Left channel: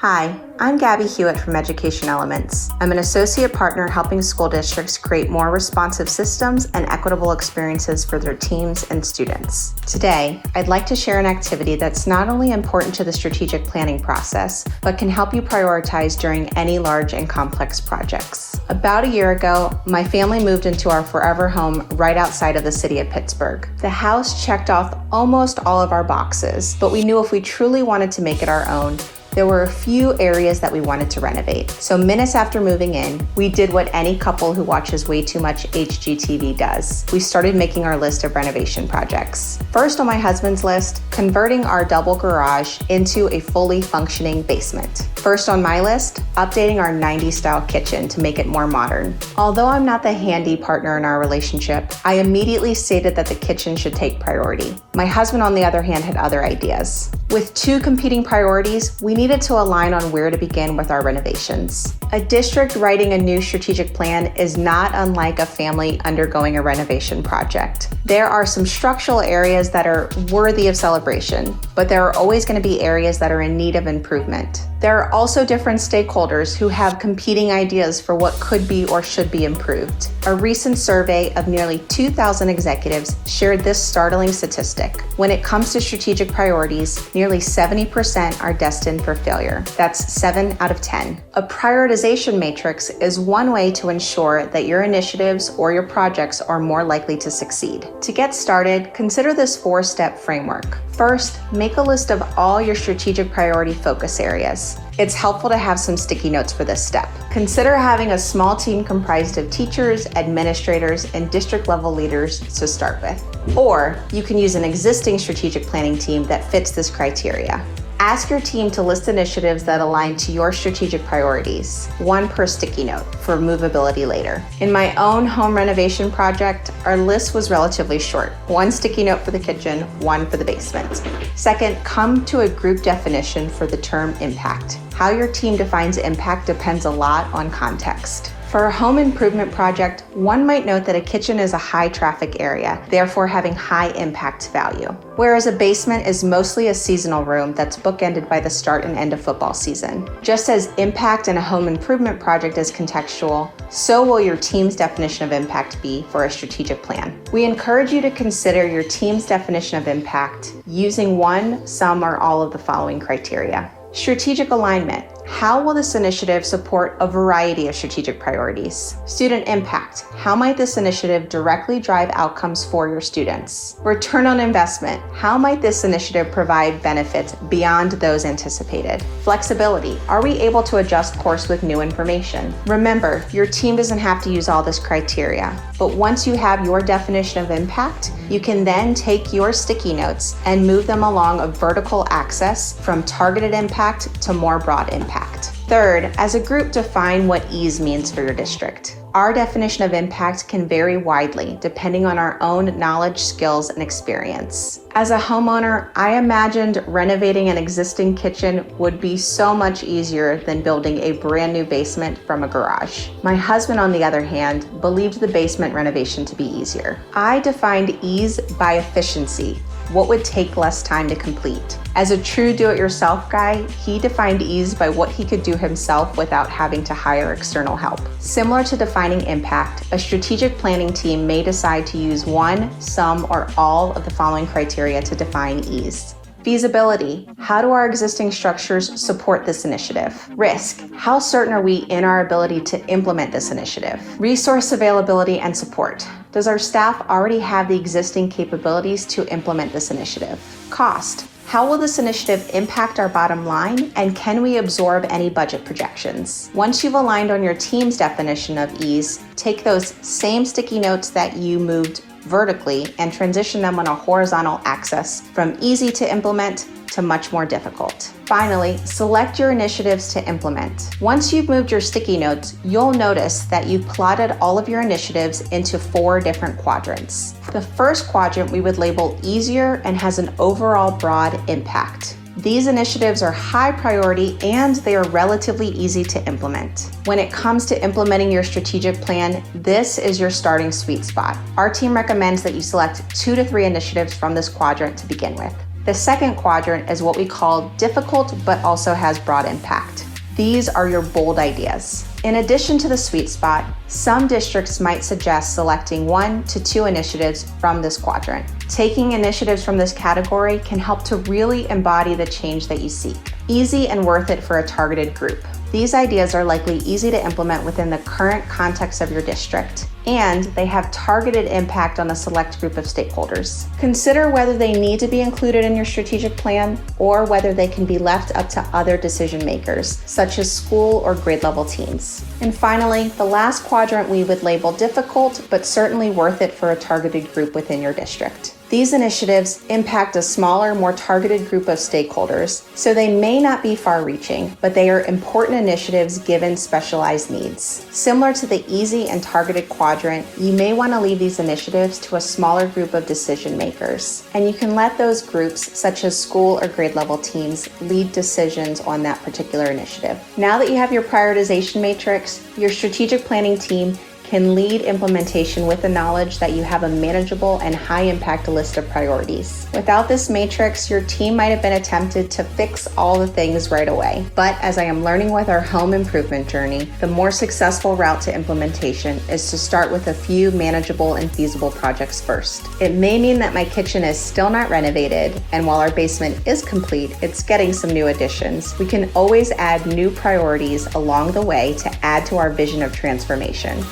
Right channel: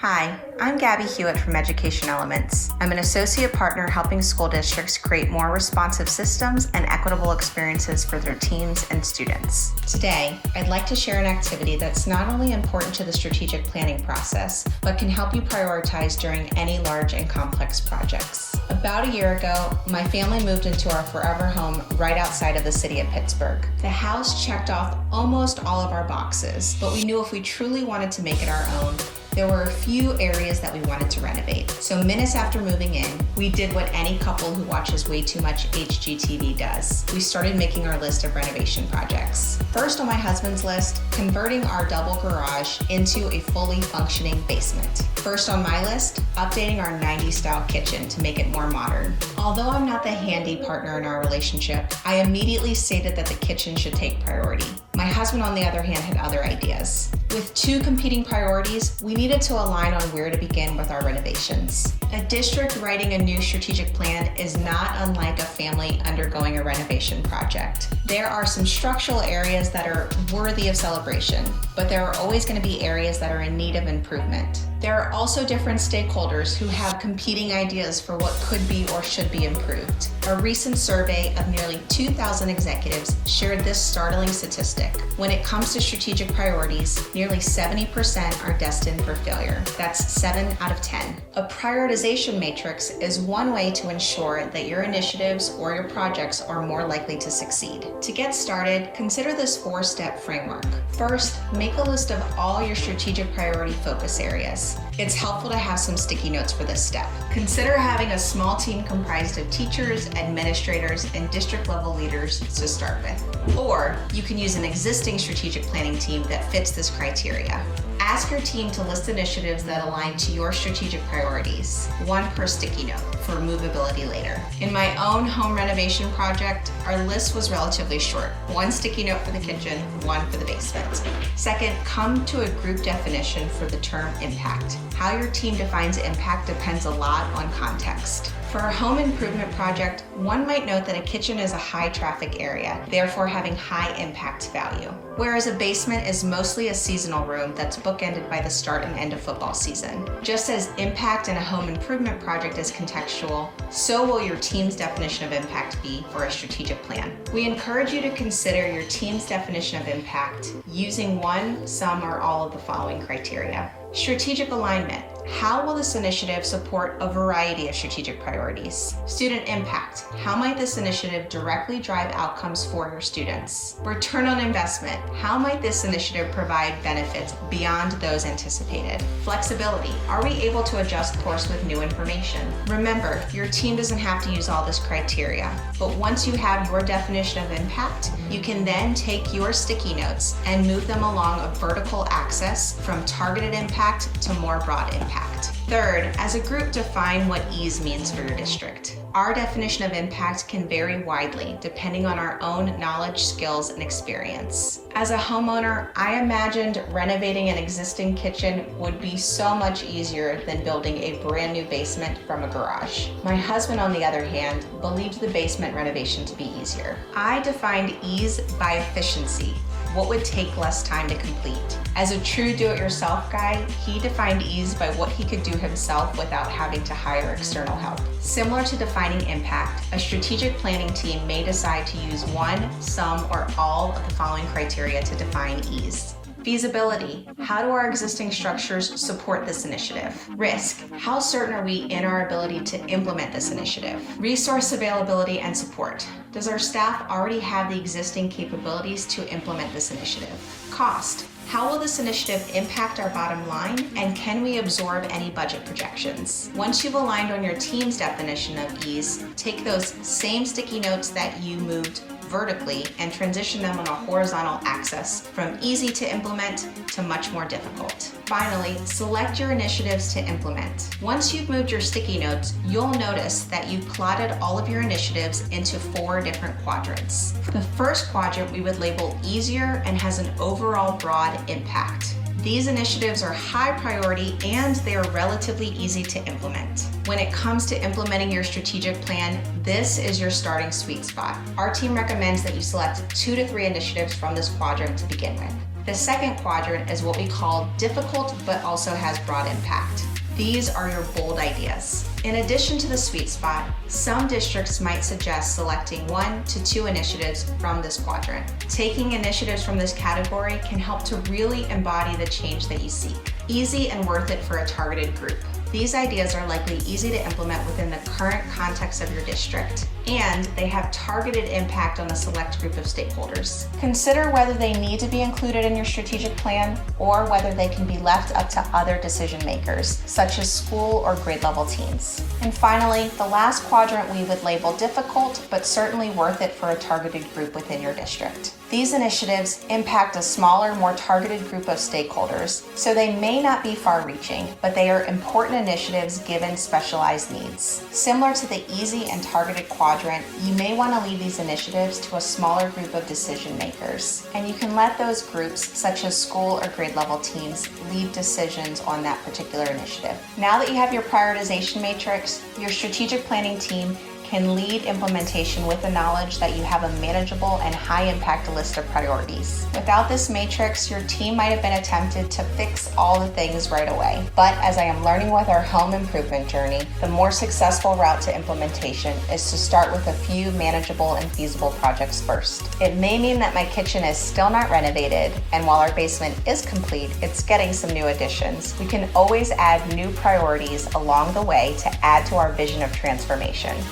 Hi, I'm Gabby Hewitt from Education Elements. I'm an associate partner helping school districts create more responsive systems and equitable experiences for their teams and students. Today, I'd like to share an activity that's not only important to the strategic planning process, but can help you prioritize during any large and complex projects. About a year ago, my family moved into our forever home right outside of the city of Pittsburgh. The house checked off almost all of our boxes, but we knew if we truly wanted to make it our own, there were a few areas that we wanted to renovate. So minutes after moving in, we did what any couple who watches way too much HGTV does. We started making our list of renovation projects. First on my husband's list, converting our double garage into a fully functioning basement. First on my list, updating our 90s style kitchen to make it more modern. Although I'm not the handy partner in our relationship, I immediately stated that the kitchen should take priority. My husband, on the other hand, had other ideas. With two competing priorities, we needed to align on where to begin with our renovations. A district writing a new strategic plan is not unlike a family undergoing a renovation project. There are some structural areas that are worthy of celebration, but there are always going to be areas that are in need of improvement. There are also different stakeholders who have competing ideas for what could be or should be improved. A recent survey of nearly 2,000 executives shared this startling statistic. When it comes to strategic priorities, nearly 70% are destined for failure. That's 7 out of 10. A prioritization matrix is one way to ensure that your initiatives or your projects are more likely to succeed. To get started, consider this 4-step framework. First, make a list of all your strategic priority focus areas. It's helpful to have some sticky notes for this step. Consider having a small team comprised of teachers, administrators, and district level leaders to start with. Or you can use an existing strategic planning team that fits this criteria. Ask your team to list initiatives that align to your strategic priorities, one per sticky note for movability later. In my own home renovation project, our list was relatively short. 1 sticky note for the kitchen, 1 for the basement. Second, come to a group definition for the term impact. How your team defines impact depends a lot on context. For a home improvement project, one might note that a kitchen is a high traffic area, therefore having high impact value. Whereas a basement is mostly a seasonal room that's bookended by the start and end of football season. Just as impact in a home improvement project is contextual, so will your team's definition of impact be for a strategic plan. We encourage you to consider your team's definition of impact using one, some, or all of the following criteria. Strategic alignment. How will this initiative support a variety of strategic priorities? Student impact. How might this initiative directly drive outcomes for your students? Return on investment. How might this initiative provide benefits beyond those anticipated? Flexibility. Are we able to adjust course with new information? Remember, your team doesn't have to use all this criteria, but once you have your definition of impact, you can then take your sticky notes and move them along a vertical axis from targeted impact to more broad impact. Third, as a group, define what ease means for your district. Our definition of impact can vary widely depending on our own knowledge, skills, and experience. As a homeowner, I imagined renovating an existing kitchen would be so much easier than building a brand new basement from a garage. My husband, on the other hand, believed the basement renovation to be easier. I defined ease by efficiency. What would take less time to complete? As a true do-it-yourself guy, he defined ease by what he could do himself without having to hire external help. Similar to defining impact, a strategic planning team may decide to use one, some, or all of the following criteria to define ease. Feasibility. How do our existing structures support this initiative? Risk. How certain are we in our ability to implement this initiative? Resource availability and support. Does our staff already have the existing capabilities to implement this initiative? Cost. How will this initiative impact our bottom line, and can we absorb any budget projections? Once you've aligned on your team's definition of ease, take those same sticky notes that you moved vertically and transition them on a horizontal axis from easy to implement to much more difficult. Finally, select your initiatives to implement. Once you've moved your sticky notes, you'll notice that you've plotted all of your initiatives into 4 different quadrants. The first quadrant we would label easier and has an overall broad impact. These initiatives are high priority and they are relatively easy to implement. When it comes to implementing your strategic plan, this is your starting sweet spot. Our team recommends that you select 2 to 3 initiatives from this quadrant to begin with. The second quadrant is what we call difficult but also has broad impact. These are your bold ideas. In addition to the sweet spot, some districts might suggest selecting 1 to 2 initiatives from this quadrant. Taking initiatives from this category can help to really embody the change that you seek. Easy and worth it for a targeted group. These ideas are likely easy to implement within the current context of your district, and they have targeted impact on a select group of stakeholders. Consider whether they need to be included in your strategic plan or whether they can be left up to other decision makers, such as school or grade level teams. And finally, the last quadrant we would label difficult, but certainly worth it for a targeted group within your district. These initiatives impact a smaller, more targeted group of stakeholders, so they may not be far-reaching, but they are important initiatives given specialized needs. Similar to the easy and targeted quadrant, you may want to leave these initiatives to a smaller group of decision makers, and you can let those groups, such as school or grade level teams, lead decisions on that particular initiative. Now that you have your prioritization matrix, your strategic planning team can lead implementation with the knowledge that you have a manageable and high-impact list of priorities. Without this matrix, your team might have been attempted to fix all the things right away. But as I am learning with our home improvement journey, the more successful route to implementation is to start with a few manageable and feasible projects first. It may mean that my kitchen is still not renovated, and while our basement is complete, it's getting some new additions. We can always add new priorities along the way to add to our vision of transformation.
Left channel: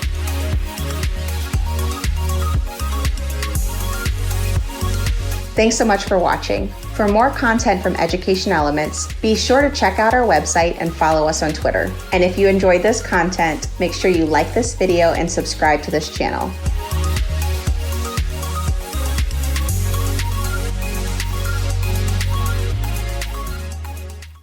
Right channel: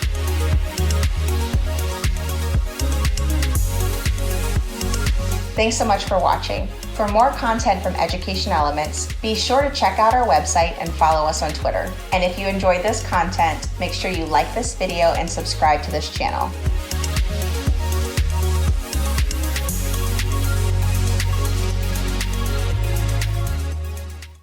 Thanks so much for watching. For more content from Education Elements, be sure to check out our website and follow us on Twitter. And if you enjoyed this content, make sure you like this video and subscribe to this channel.